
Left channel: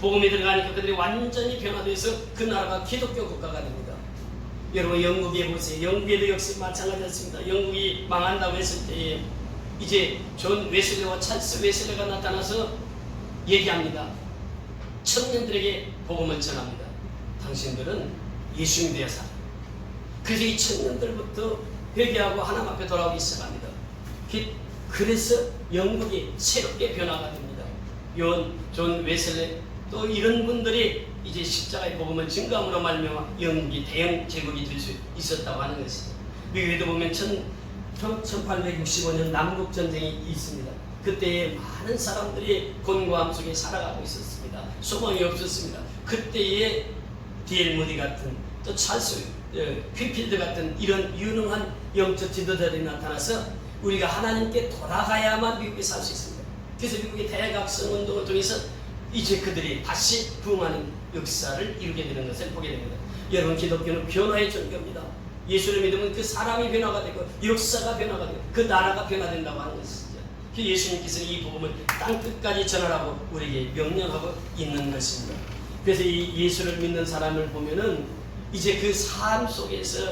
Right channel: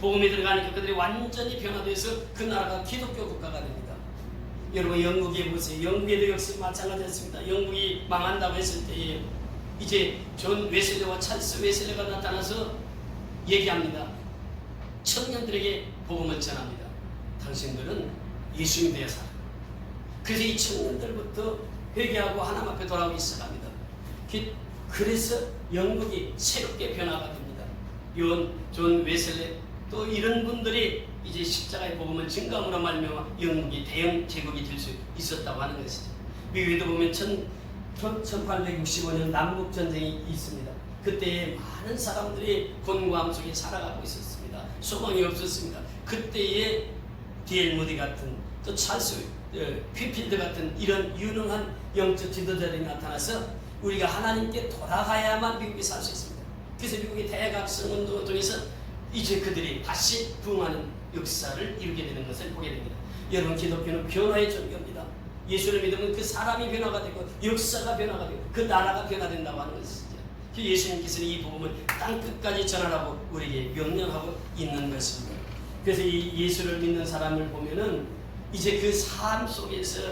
복음이 들어가니까 그들이 완전히 변화돼서 그 나라가 기독교 국가가 됩니다. 여러분 영국에 보세요. 영국에도 역시 마찬가지였습니다. 영국이 망한다고 했을 때에 이제 존 웨슬리와 찰스 웨슬리가 나타나서 얘기합니다. 청년들에게 복음을 전합니다. 당신들은 예수님 되어 살아. 그래서 이 청년들부터 회개하고 하나님 앞에 돌아오기 시작합니다. 그래서 영국이 새롭게 변화가 됩니다. 존 웨슬리 또 이런 분들이 이제 십자가의 복음을 증거함으로 말미암아 영국이 대영 제국이 될 수 있었다고 하는 것입니다. 미국에도 보면 1865년 남북 전쟁이 있습니다. 그때에 많은 사람들이 곤고함 속에 살아가고 있었습니다. 소망이 없었습니다. 그때에 D.L. 무디 같은 또 찰스 퀴필드 같은 이런 유능한 영적 지도자들이 나타나서 우리가 하나님께 돌아가야만 미국에 살 수 있습니다. 그래서 미국의 대각성 운동을 통해서 이제 그들이 다시 부흥하는 역사를 이루게 되는 것을 보게 됩니다. 여러분 기독교는 변화의 종교입니다. 예수를 믿으면 그 사람이 변화가 되고 역사가 변화가 되고 그 나라가 변화된다고 하는 것이죠. 예수님께서는 이 복음을 땅끝까지 전하라고 우리에게 명령하고 있는 것입니다. 그래서 이 예수를 믿는 사람을 보면은 이제 그 삶 속에서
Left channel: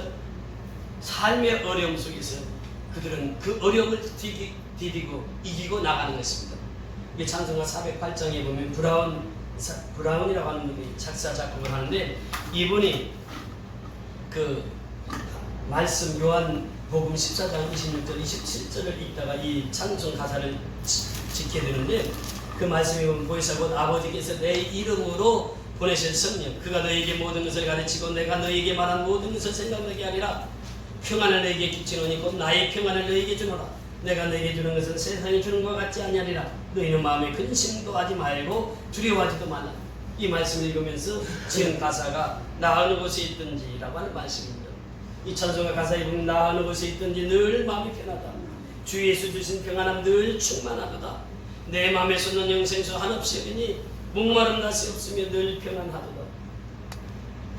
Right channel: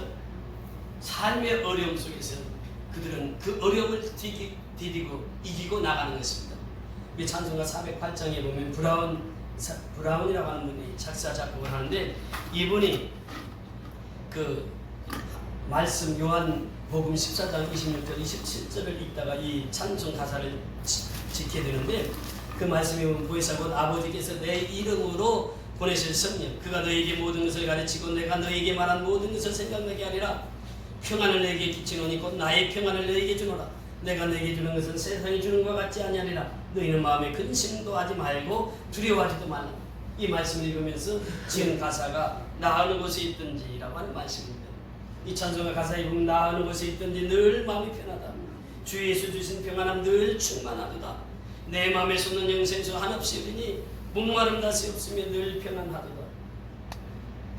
삶의 어려움 속에서 그들은 그 어려움을 디디고 이기고 나가는 것입니다. 찬송가 408장에 보면 브라운이라고 하는 분이 작사 작곡을 하는데 이분이 그 말씀 요한복음 14장 26절 27절을 읽다가 이 찬송 가사를 짓게 되는데 그 말씀이 보면 보혜사 곧 아버지께서 내 이름으로 보내신 성령 그가 너에게 모든 것을 가르치고 내가 너에게 말한 모든 것을 생각나게 하리라. 평안을 너에게 끼치노니 곧 나의 평안을 너에게 주노라. 내가 너에게 주는 것은 세상이 주는 것과 같지 아니하리라. 너희는 마음에 근심도 하지 말고 두려워하지도 말라. 이 말씀을 읽으면서 지은 가사가 나 어느 곳에 있든지라고 하는 말씀입니다. 이 찬송가 가사에 보면 나 어느 곳에 있든지 늘 마음이 편하다. 주 예수 주신 평안함 늘 충만하도다. 내 마음에 솟는 영생수 한없이 여기니 목마름 낯이 없으며 늘 평안하도다.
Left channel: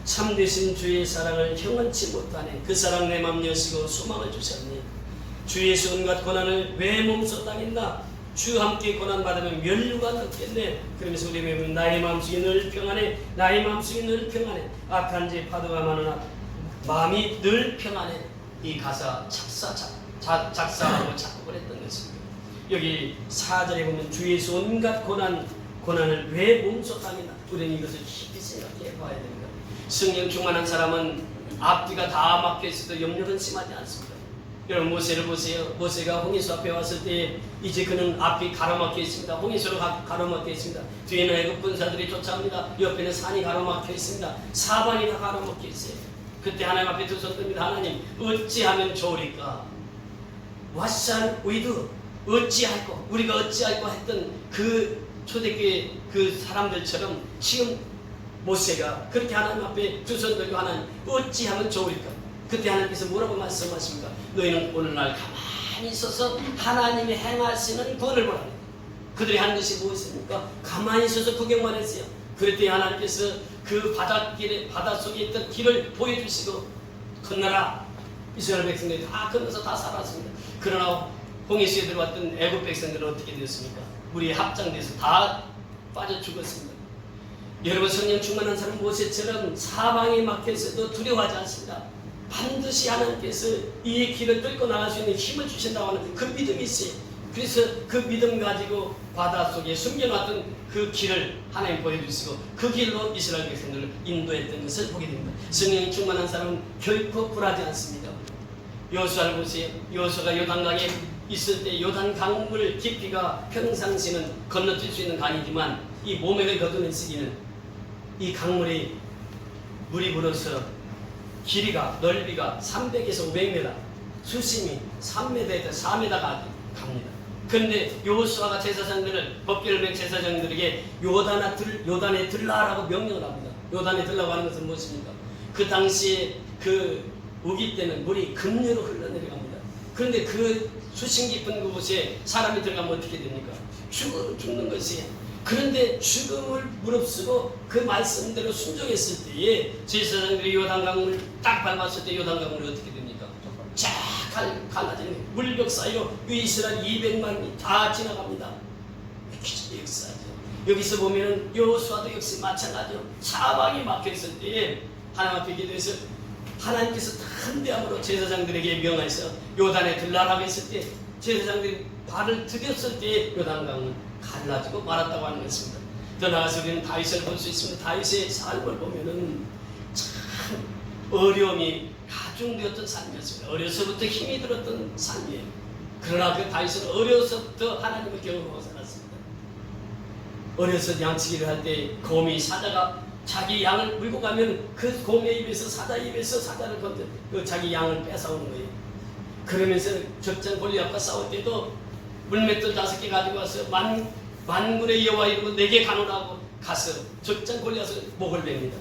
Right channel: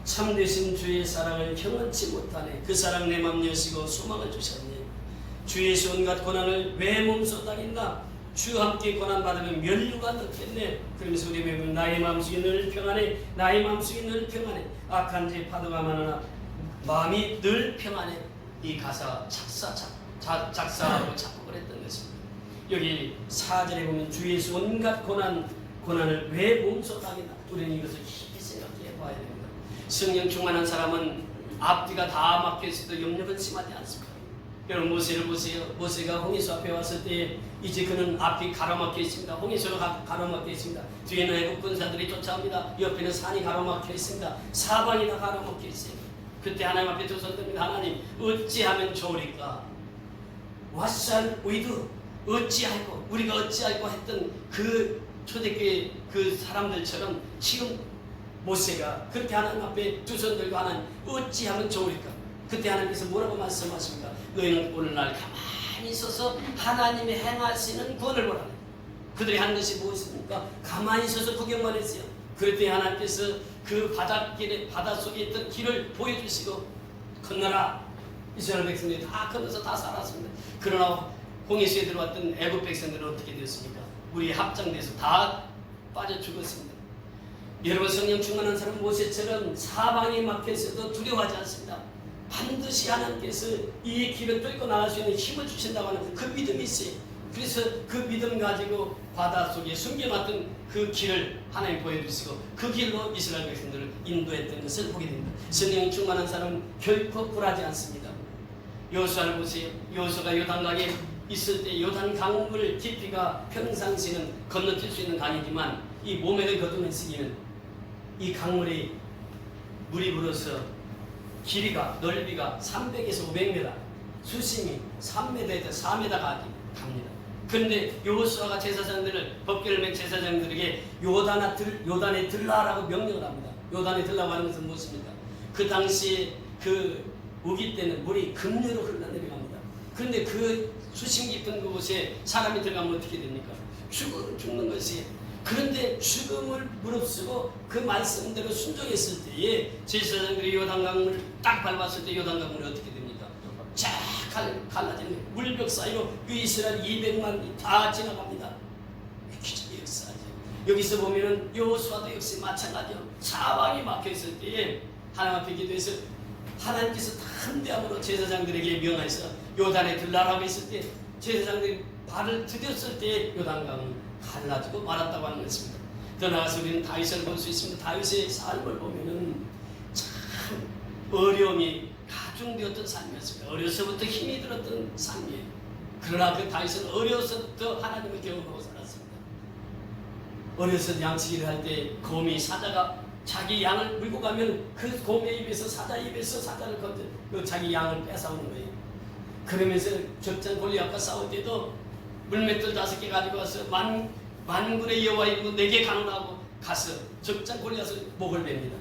참되신 주의 사랑을 형언치 못하네. 그 사랑 내 맘 여시고 소망을 주셨네. 주 예수 온갖 고난을 왜 몸소 당했나. 주 함께 고난 받으면 면류가 넘겠네. 그러면서 우리 매번 나의 마음속에 늘 평안해. 나의 마음속에 늘 평안해. 악한 죄 파도가 많으나 마음이 늘 평안해. 이 가사 작사하고 작곡을 했던 것입니다. 여기 4절에 보면 주 예수 온갖 고난을 왜 몸소 당했나. 우리는 이것을 깊이 생각해 봐야 됩니다. 성령 충만한 사람은 앞뒤가 다 막혀 있어도 염려는 심하지 않습니다. 여러분 모세를 보세요. 모세가 홍해수 앞에 왔을 때 이제 그는 앞이 가로막혀 있습니다. 홍해수로 가로막혀 있습니다. 뒤에는 애국 군사들이 쫓아옵니다. 옆에는 산이 가로막혀 있습니다. 사방이 다 가로막혀 있어요. 그때 하나님 앞에 두 손 듭니다. 하나님 어찌하면 좋으리까? What shall we do? 어찌할꼬? 우리가 어찌할꼬 했던 그 초대교회 그 사람들처럼 지금 모세가 그렇게 하나님 앞에 두 손 들고 하나님 어찌하면 좋으리까? 그때 하나님께서 뭐라고 말씀하십니까? 너희는 오늘날 가만히 있어서 하나님이 행하시는 구원을 보라. 그들이 한 것이 무엇입니까? 가만히 있어서 구경만 했어요. 그랬더니 하나님께서 그 바닷속에 있던 길을 보여주시고 건너라. 이스라엘 백성들이 다 건너서 다 살았습니다. 그러나 홍해수에 들어왔던 애국 백성들은 어떻게 되었습니까? 물이 합장돼서 다 빠져 죽었습니다. 여러분 성령 충만한 사람 모세처럼 사방에 막혀있어도 두려워하지 않습니다. 반드시 하나님께서 이 길을 뚫고 나갈 수 있는 힘을 주신다고 하는 그 믿음이 있어요. 그래서 그 믿음 가지고 바닷속에 숨겨놨던 그 길을 하나님 보여주시고 그 길로 이스라엘 백성들을 인도했던 것을 보게 됩니다. 성령 충만한 사람은 결코 굴하지 않습니다. 여호수아를 보세요. 여호수아가 요단강에 있을 때 요단 강물 깊이가 평상시는 건너뛸 수 있는 강이지만 이 모맥을 거두는 시기는 이 강물이 물이 불어서 길이가 넓이가 300에서 500m 수심이 3m에서 4m가 갑니다. 그런데 여호수아가 제사장들을 법궤를 맨 제사장들에게 요단에 들라라고 명령을 합니다. 요단에 들라고 하는 것은 무엇입니까? 그 당시에 그 우기 때는 물이 급류로 흘러내려갑니다. 그런데 그 수심 깊은 그곳에 사람이 들어가면 어떻게 됩니까? 죽는 것이에요. 그런데 죽음을 무릅쓰고 그 말씀대로 순종했을 때에 제사장들이 요단강을 딱 밟았을 때 요단강물이 어떻게 됩니까? 쫙 갈라지는 물벽 사이로 그 이스라엘 200만이 다 지나갑니다. 기적의 역사죠. 여기서 보면은 여호수아도 역시 마찬가지로 사방이 막혀 있을 때에 하나님 앞에 기도해서 하나님께서 탄대함으로 제사장들에게 명하여서 요단에 들라라고 했을 때 제사장들이 발을 들였을 때 요단강은 갈라지고 말았다고 하는 것입니다. 더 나아가서 우리는 다윗을 볼 수 있습니다. 다윗의 삶을 보면은 참 어려움이 가중되었던 삶이었습니다. 어려서부터 힘이 들었던 삶이에요. 그러나 그 다윗은 어려서부터 하나님을 경험하고 살았습니다. 어려서 양치기를 할 때 곰이 사자가 자기 양을 물고 가면 그 곰의 입에서 사자 입에서 사자를 건져 자기 양을 뺏어오는 거예요. 그러면서 적장 골리앗과 싸울 때도 물맷돌 5개 가지고 와서 만군의 여호와 이름으로 4개 가노라고 가서 적장 골리앗을 목을 뺍니다.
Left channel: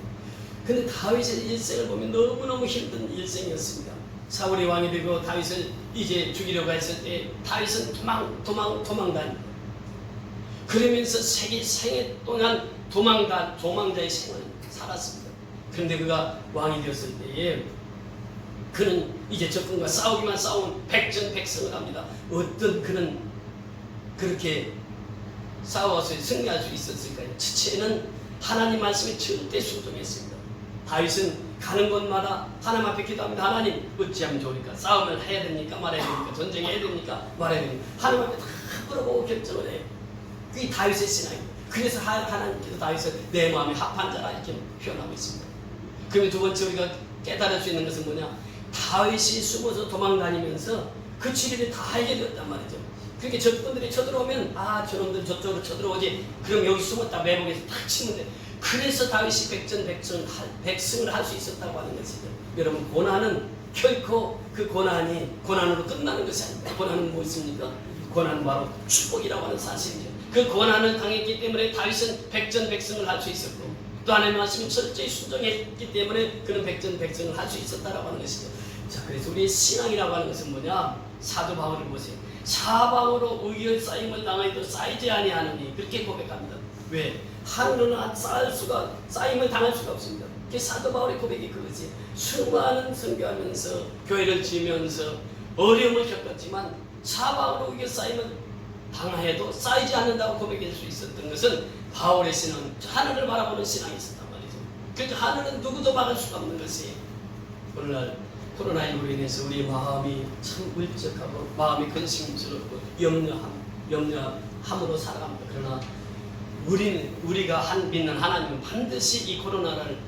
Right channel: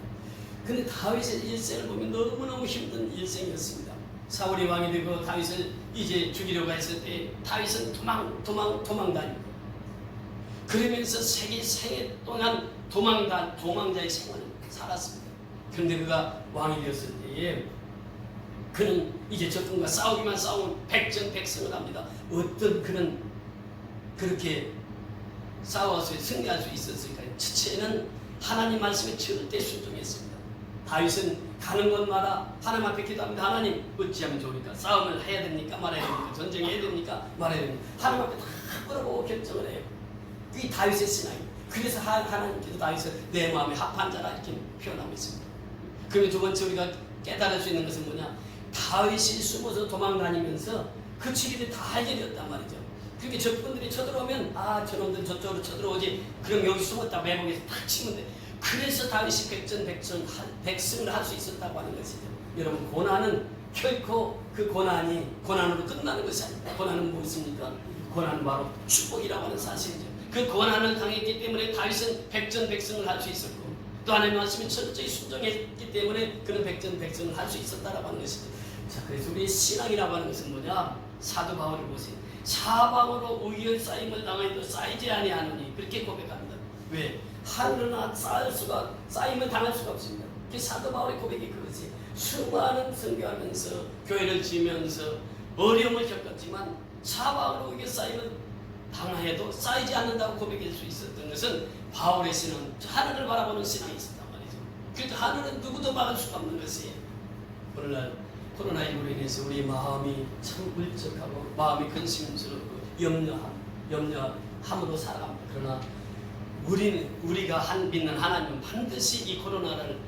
근데 다윗의 일생을 보면 너무너무 힘든 일생이었습니다. 사울이 왕이 되고 다윗을 이제 죽이려고 했을 때 다윗은 도망 다닙니다. 그러면서 생애 동안 도망자의 생을 살았습니다. 그런데 그가 왕이 되었을 때에 그는 이제 적군과 싸우기만 싸운 백전백승을 합니다. 어떤 그는 그렇게 싸워서 승리할 수 있었을까요? 첫째는 하나님 말씀에 절대 순종했습니다. 다윗은 가는 곳마다 하나님 앞에 기도합니다. 하나님 어찌하면 좋으니까? 싸움을 해야 됩니까? 말아야 됩니까? 전쟁해야 됩니까? 말아야 됩니까? 하나님 앞에 다 끌어보고 결정을 해요. 그게 다윗의 신앙입니다. 그래서 하나님께서 다윗을 내 마음에 합한 자라 이렇게 표현하고 있습니다. 그러면 두 번째 우리가 깨달을 수 있는 것은 뭐냐? 다윗이 숨어서 도망다니면서 그 질일이 다 해결되었단 말이죠. 그렇게 적군들이 쳐들어오면 저놈들 저쪽으로 쳐들어오지. 그럼 여기 숨었다 매복에서 탁 치면 돼. 그래서 다윗이 백승을 할 수 있었다고 하는 것이죠. 여러분 고난은 결코 그 고난으로 끝나는 것이 아닙니다. 고난은 무엇입니까? 고난은 바로 축복이라고 하는 사실이죠. 그 고난을 당했기 때문에 다윗은 백전백승을 할 수 있었고 또 하나님의 말씀이 철저히 순종했기 때문에 그는 백전백승을 할 수 있었다라고 하는 것이죠. 자, 그래서 우리의 신앙이라고 하는 것은 뭐냐? 사도 바울을 보세요. 사방으로 의열 쌓임을 당하여도 쌓이지 아니하느니 그렇게 고백합니다. 왜? 하늘은 쌓임을 당할 수가 없습니다. 그게 사도 바울의 고백이 그거지. 수많은 선교하면서 교회를 지으면서 어려움을 겪었지만 사방으로 의열 쌓임을 당해도 쌓이지 않는다고 고백할 수 있었던 것은 바울의 신앙, 하늘을 바라보는 신앙이 있었단 말이죠. 그래서 하늘은 누구도 막을 수가 없는 것이에요. 오늘날 코로나19로 인해서 우리 마음이 참 울적하고 마음이 근심스럽고 염려함으로 살아갑니다. 그러나 우리가 믿는 하나님은 반드시 이 코로나를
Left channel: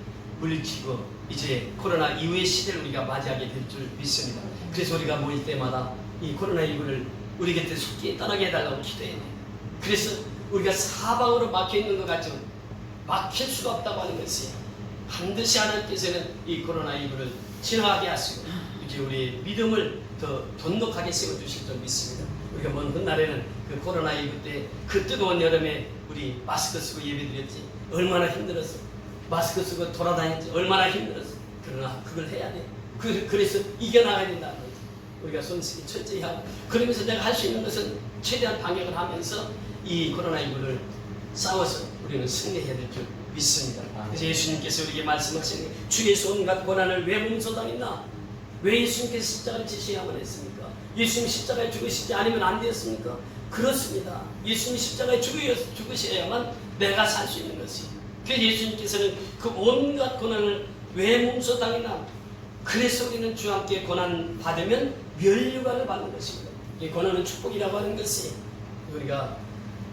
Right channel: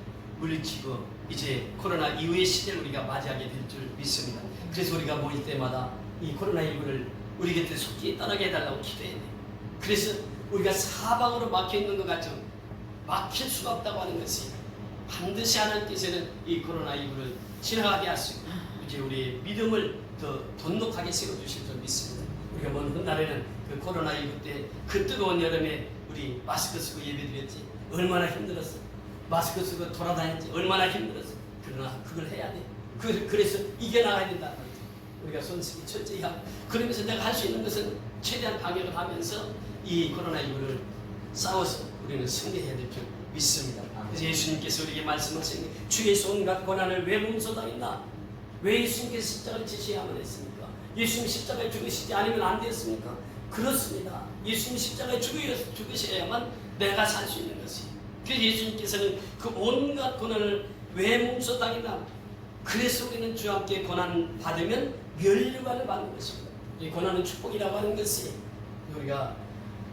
물리치고 이제 코로나 이후의 시대를 우리가 맞이하게 될 줄 믿습니다. 그래서 우리가 모일 때마다 이 코로나19를 우리 곁에 속히 떠나게 해달라고 기도해야 돼요. 그래서 우리가 사방으로 막혀있는 것 같지만 막힐 수가 없다고 하는 것이에요. 반드시 하나님께서는 이 코로나19를 지나가게 하시고 이제 우리의 믿음을 더 돈독하게 세워주실 줄 믿습니다. 우리가 먼 훗날에는 그 코로나19 때 그 뜨거운 여름에 우리 마스크 쓰고 예배드렸지 얼마나 힘들었어. 마스크 쓰고 돌아다녔지 얼마나 힘들었어. 그러나 그걸 해야 돼. 그래서 이겨나가야 된다. 우리가 손쓰기 철저히 하고 그러면서 내가 할 수 있는 것은 최대한 방역을 하면서 이 코로나19를 싸워서 우리는 승리해야 될 줄 믿습니다. 그래서 예수님께서 우리에게 말씀하신 게 주께서 온갖 고난을 왜 몸소당했나? 왜 예수님께서 십자가를 지셔야만 했습니까? 예수님 십자가에 죽으시지 않으면 안 되었습니까? 그렇습니다. 예수님이 십자가에 죽으셔야만 내가 살 수 있는 것이. 그래서 예수님께서는 그 온갖 고난을 왜 몸소당했나? 그래서 우리는 주와 함께 고난 받으면 면류관을 받는 것입니다. 이 고난은 축복이라고 하는 것이 우리가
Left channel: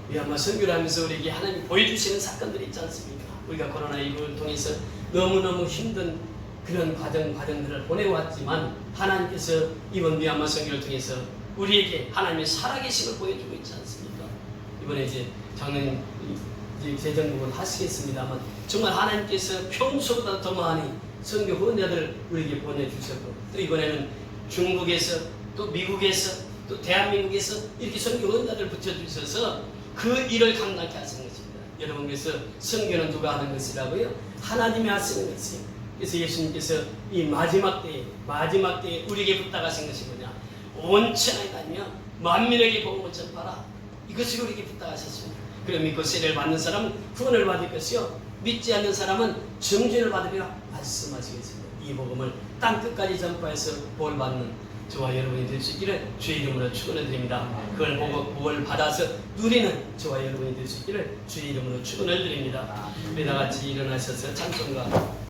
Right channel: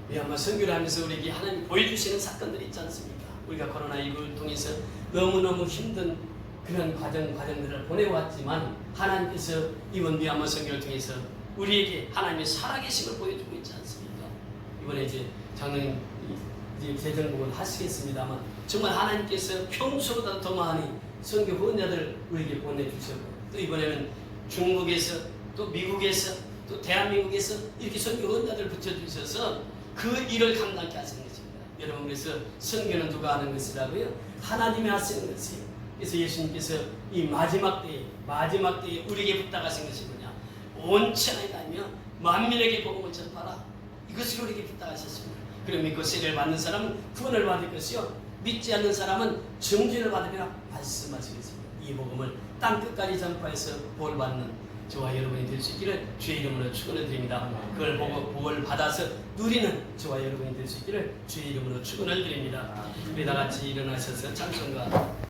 미얀마 선교를 하면서 우리에게 하나님이 보여주시는 사건들이 있지 않습니까? 우리가 코로나19를 통해서 너무너무 힘든 그런 과정들을 보내왔지만 하나님께서 이번 미얀마 선교를 통해서 우리에게 하나님의 살아계심을 보여주고 있지 않습니까? 이번에 이제 장로님 이제 재정복을 하시겠습니다만 정말 하나님께서 평소보다 더 많이 선교 후원자들을 우리에게 보내주셨고 또 이번에는 중국에서 또 미국에서 또 대한민국에서 이렇게 선교 후원자들을 붙여주셔서 그 일을 감당케 하시는 것입니다. 여러분 그래서 선교는 누가 하는 것이라고요? 하나님이 하시는 것이에요. 그래서 예수님께서 이 마지막 때에 우리에게 부탁하신 것이 뭐냐? 온 천하에 다니며 만민에게 복음을 전파라. 이것을 우리에게 부탁하셨습니다. 그럼 믿고 세례를 받는 사람은 구원을 받을 것이요 믿지 않는 사람은 정죄를 받으리라 말씀하시겠습니다. 이 복음을 땅끝까지 전파해서 볼 받는 저와 여러분이 될 수 있기를 주의 이름으로 축원을 드립니다. 그걸 보고 복을 받아서 누리는 저와 여러분이 될 수 있기를 주의 이름으로 축원을 드립니다. 우리 다 같이 일어나셔서 찬송가